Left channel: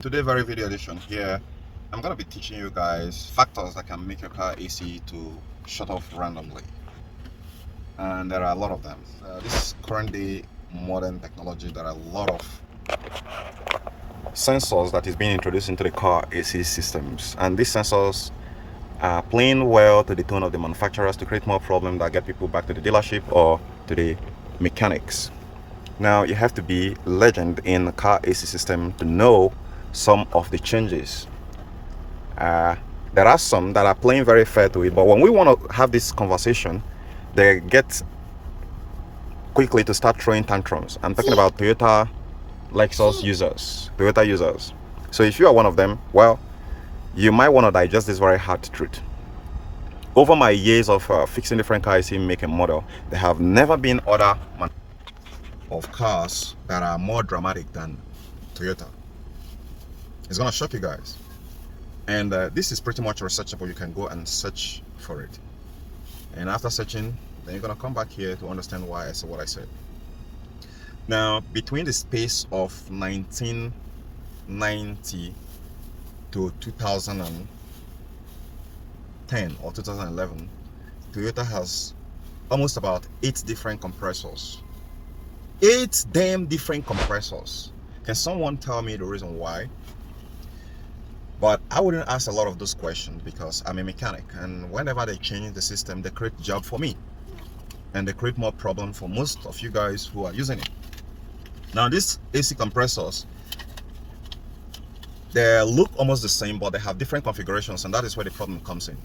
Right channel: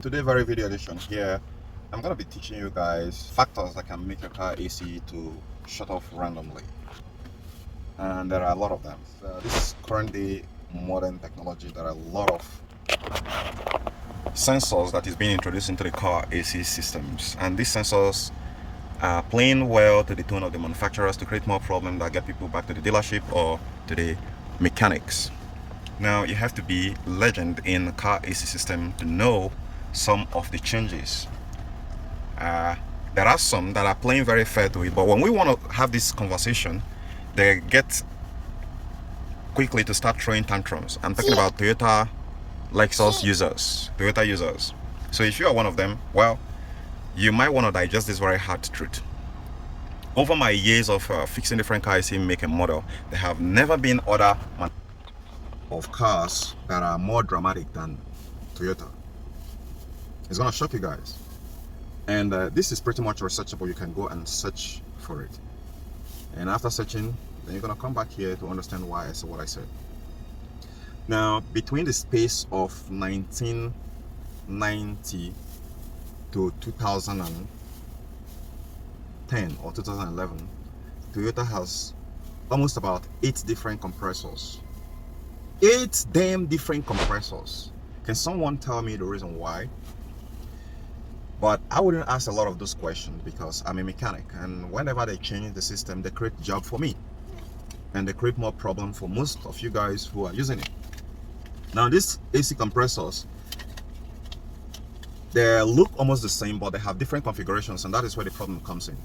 Today very video edition here, I'm gonna be teaching you guys factors that can make your car AC to shut off randomly, and there are a lot of them. This is current day modern technology. There are a lot of sensors that is being introduced into the car AC systems, and these sensors are playing well to the tune of the manufacturers to create more problems that get people back to the dealership or to the mechanics. Now you have to be legend in the car AC system to know some of the changes. There are some that are playing very fair to it, but when we want to have this conversation, they get quickly to start throwing tantrums. I'm talking about Toyota Lexus users, Toyota users. So if you are one of them, well, you might want to digest this very hard truth. Over my years of fixing different cars in make and model, there have never been other of cars that are more dramatic than Toyota. It's gonna shock you guys. And this is pretty much researchable. You can go and search for it, and after searching, then you're gonna come back here to understand why I said what I said. Now, between the space of 1990 to 2010 or 2011, Toyota has almost about 8 different compressors. 8 damn different compressors. Can someone tell me the reason why? But I wouldn't ask a lot of those questions because I'm a mechanic, and whenever they change the system, they create job for me, and they create more problem for most of you guys who are using it. Now, these AC compressors, they look almost the same, but they have different configurations, and that is where the problem comes in.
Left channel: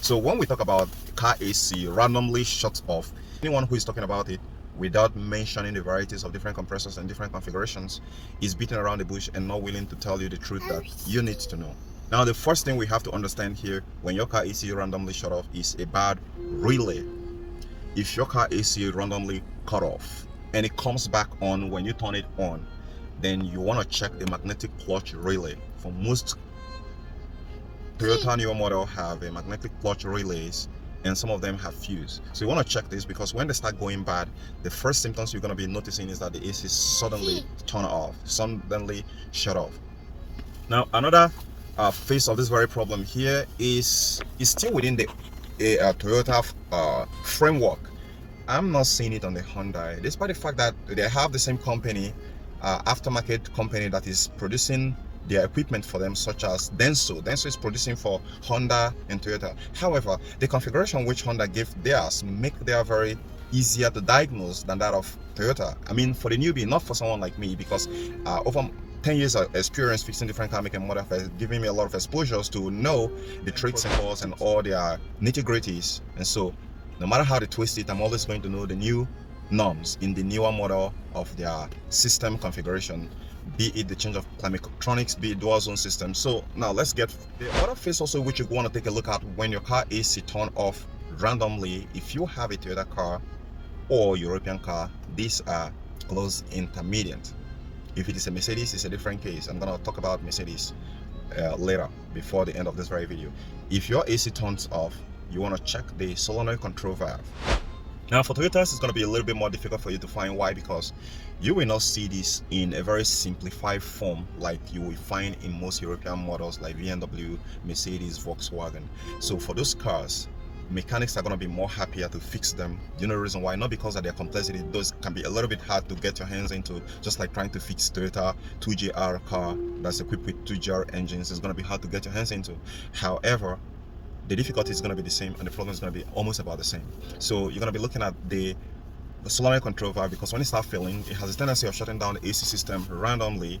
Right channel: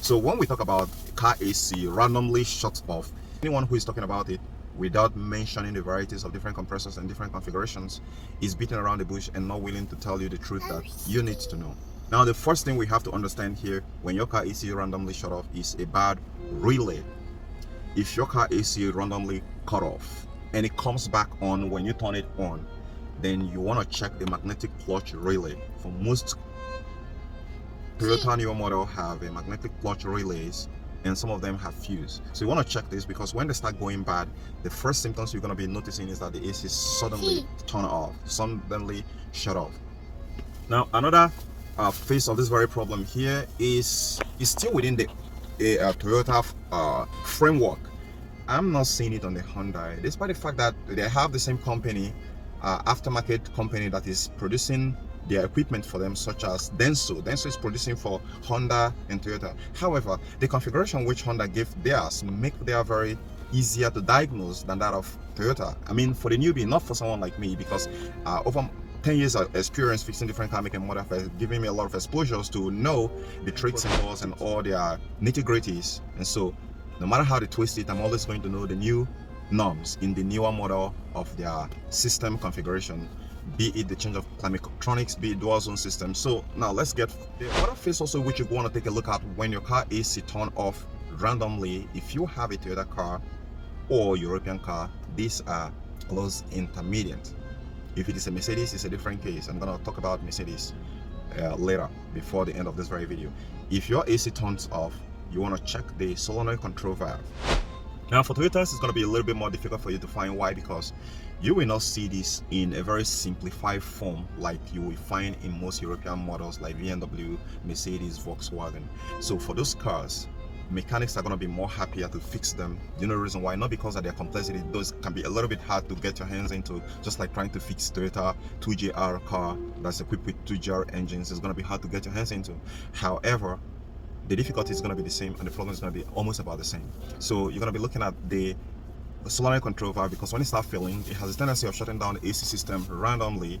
So when we talk about car AC randomly shuts off, anyone who is talking about it without mentioning the varieties of different compressors and different configurations is beating around the bush and not willing to tell you the truth that you need to know. Now, the first thing we have to understand here when your car AC randomly shut off is a bad relay. If your car AC randomly cut off and it comes back on when you turn it on, then you want to check the magnetic clutch relay. For most Toyota newer model have a magnetic clutch relays, and some of them have fuse. So you want to check this, because when they start going bad, the first symptoms you're going to be noticing is that the AC suddenly turn off, suddenly shut off. Now, another face of this very problem here is still within the Toyota framework. I'm not seeing it on the Hyundai, despite the fact that they have the same company, aftermarket company that is producing their equipment for them, such as Denso. Denso is producing for Honda and Toyota. However, the configuration which Honda gave theirs make their very easier to diagnose than that of Toyota. I mean, for the newbie, not for someone like me, because over 10 years of experience fixing different car make and model has given me a lot of exposures to know the trade symbols and all their nitty-gritties. And so no matter how they twist it, I'm always going to know the new norms in the newer model of their system configuration, be it the change of climate electronics, be it dual zone system. So now let's get the other phase also which you want to take a look at when your car AC turn off randomly. If you have a Toyota car or European car, these are close intermediate. If it is a Mercedes, it's a different case. I'm going to talk about Mercedes later, before the end of this very video. If your AC turns off, you want to check the solenoid control valve. Now, for Toyotas, it's going to be a little bit more difficult for you to find. Why? Because you will not see this in a very simplified form like you will find in most European models like BMW, Mercedes, Volkswagen. So for those cars, mechanics are going to be more happier to fix them. You know the reason why? Not because of their complexity. Those can be a little bit hard to get your hands into, just like trying to fix Toyota 2JR car that's equipped with 2JR engines. Is going to be hard to get your hands into. However, the difficulty is going to be the same, and the problem is going to be almost about the same. So you're going to be looking at the solenoid control valve, because when it starts failing, it has a tendency of shutting down the AC system randomly,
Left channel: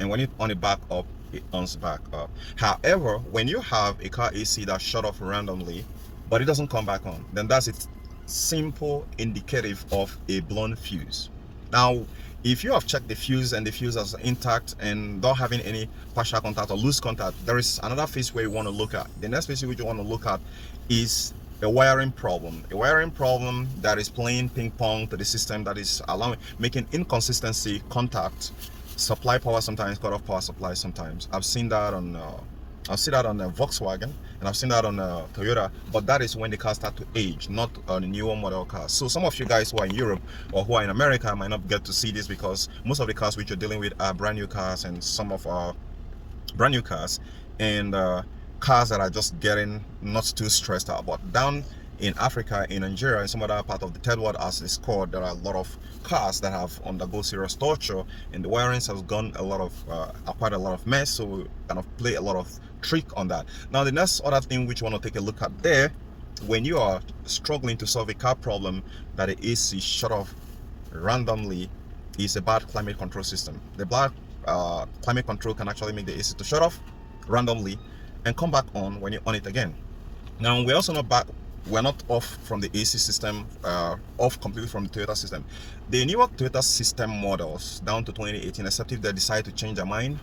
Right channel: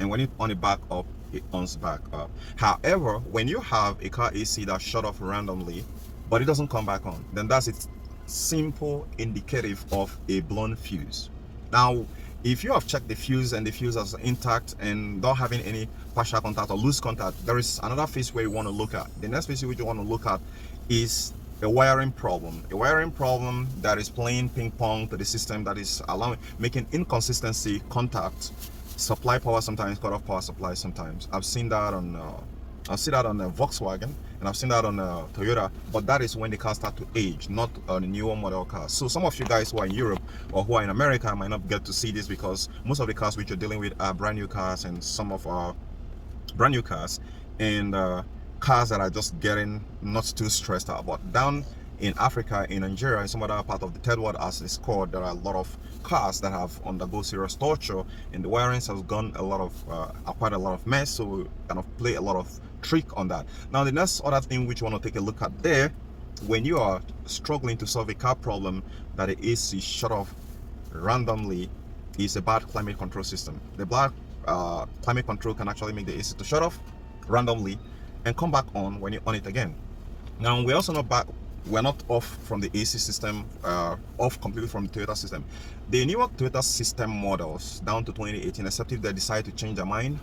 and when you on it back up, it ons back up. However, when you have a car AC that shut off randomly but it doesn't come back on, then that's its simple indicative of a blown fuse. Now, if you have checked the fuse and the fuse is intact and not having any partial contact or loose contact, there is another phase where you want to look at. The next phase which you want to look at is a wiring problem. A wiring problem that is playing ping pong to the system, that is making inconsistency contact, supply power sometimes, cut off power supply sometimes. I've seen that on Volkswagen, and I've seen that on Toyota, but that is when the cars start to age, not on the newer model cars. So some of you guys who are in Europe or who are in America might not get to see this, because most of the cars which you're dealing with are brand new cars, and some of our brand new cars, and cars that are just getting not too stressed out. But down in Africa, in Nigeria, and some other part of the third world, as it's called, there are a lot of cars that have undergone serious torture, and the wirings has gone quite a lot of mess. So we kind of play a lot of trick on that. Now the next other thing which we want to take a look at there, when you are struggling to solve a car problem that the AC shut off randomly, is a bad climate control system. The bad climate control can actually make the AC to shut off randomly and come back on when you on it again. Now we're also not back. We're not off from the AC system, off completely from the Toyota system. The newer Toyota system models down to 2018, except if they decide to change their mind,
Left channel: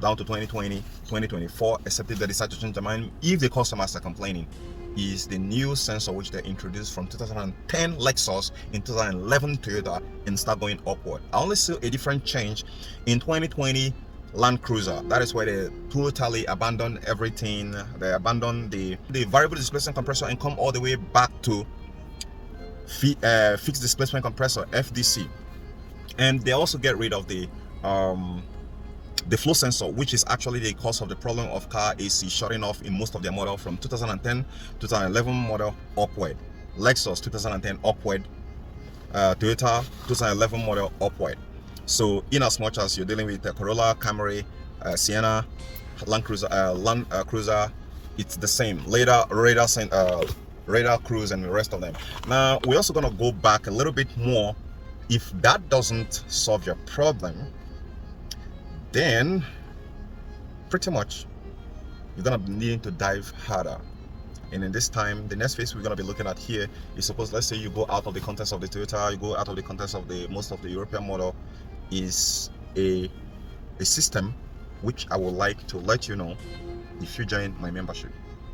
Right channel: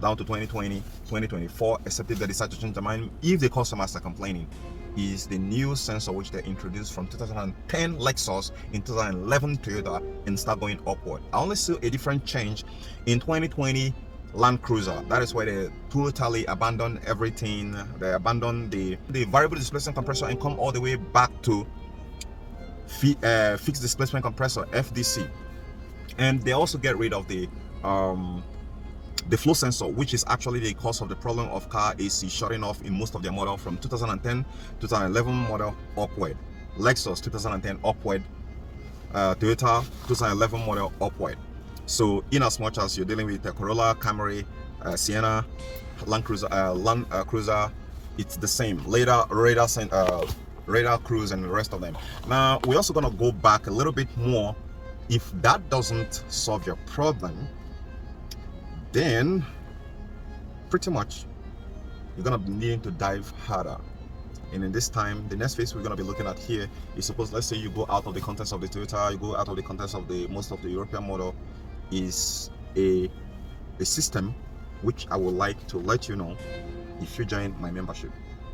down to 2020, 2024, except if they decide to change their mind, if the customers are complaining, is the new sensor which they introduced from 2010 Lexus in 2011 Toyota and start going upward. I only see a different change in 2020 Land Cruiser. That is where they totally abandoned everything. They abandoned the variable displacement compressor and come all the way back to fixed displacement compressor, FDC. And they also get rid of the flow sensor, which is actually the cause of the problem of car AC shutting off in most of their model from 2010 2011 model upward. Lexus 2010 upward, Toyota 2011 model upward. So in as much as you're dealing with the Corolla, Camry, Sienna, Land Cruiser, it's the same. Radar Cruise and the rest of them. Now we're also gonna go back a little bit more. If that doesn't solve your problem, then pretty much you're gonna be needing to dive harder. And in this time, the next phase we're gonna be looking at here is, suppose let's say you go out of the context of the Toyota, you go out of the context of the most of the European model, is a system which I would like to let you know if you join my membership.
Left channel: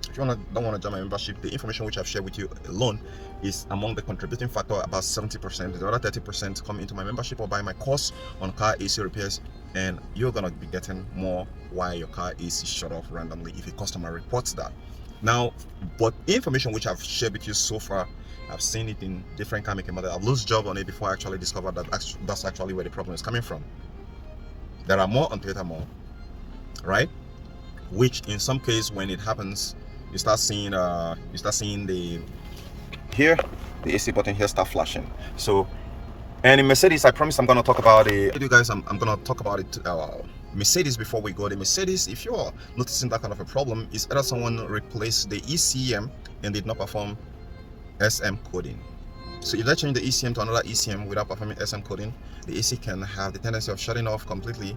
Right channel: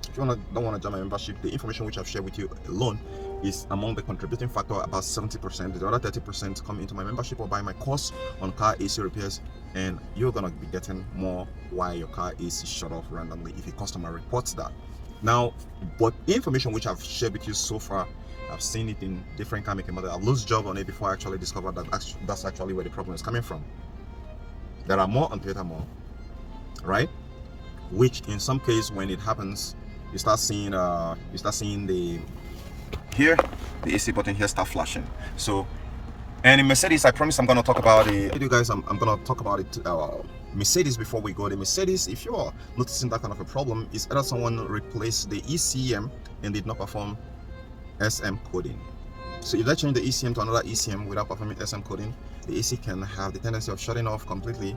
If you don't want to join my membership, the information which I've shared with you alone is among the contributing factor, about 70%. The other 30% come into my membership or buy my course on car AC repairs, and you're gonna be getting more while your car AC shut off randomly if a customer reports that. Now, but information which I've shared with you so far, I've seen it in different car making models. I've lost job on it before I actually discovered that that's actually where the problem is coming from. There are more on Toyota more, right? Which in some case, when it happens, you start seeing the AC button here start flashing. So, and in Mercedes, I promise I'm gonna talk about it. You guys, I'm gonna talk about it. Mercedes before we go. The Mercedes, if you are noticing that kind of a problem, is either someone replaced the ECM and did not perform SM coding. So if they change the ECM to another ECM without performing SM coding, the AC can have the tendency of shutting off completely,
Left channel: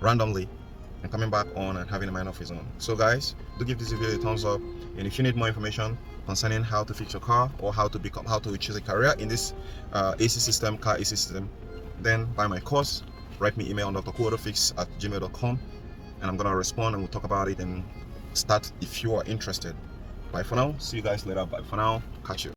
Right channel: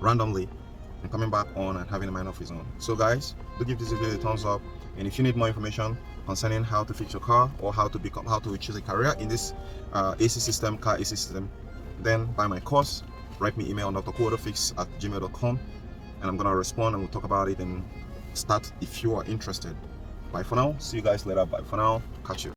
randomly, and coming back on and having a mind of his own. So guys, do give this video a thumbs up, and if you need more information concerning how to fix your car or how to choose a career in this AC system, car AC system, then buy my course. Write me email on drquotofix@gmail.com, and I'm gonna respond and we'll talk about it and start if you are interested. Bye for now. See you guys later. Bye for now. Catch you.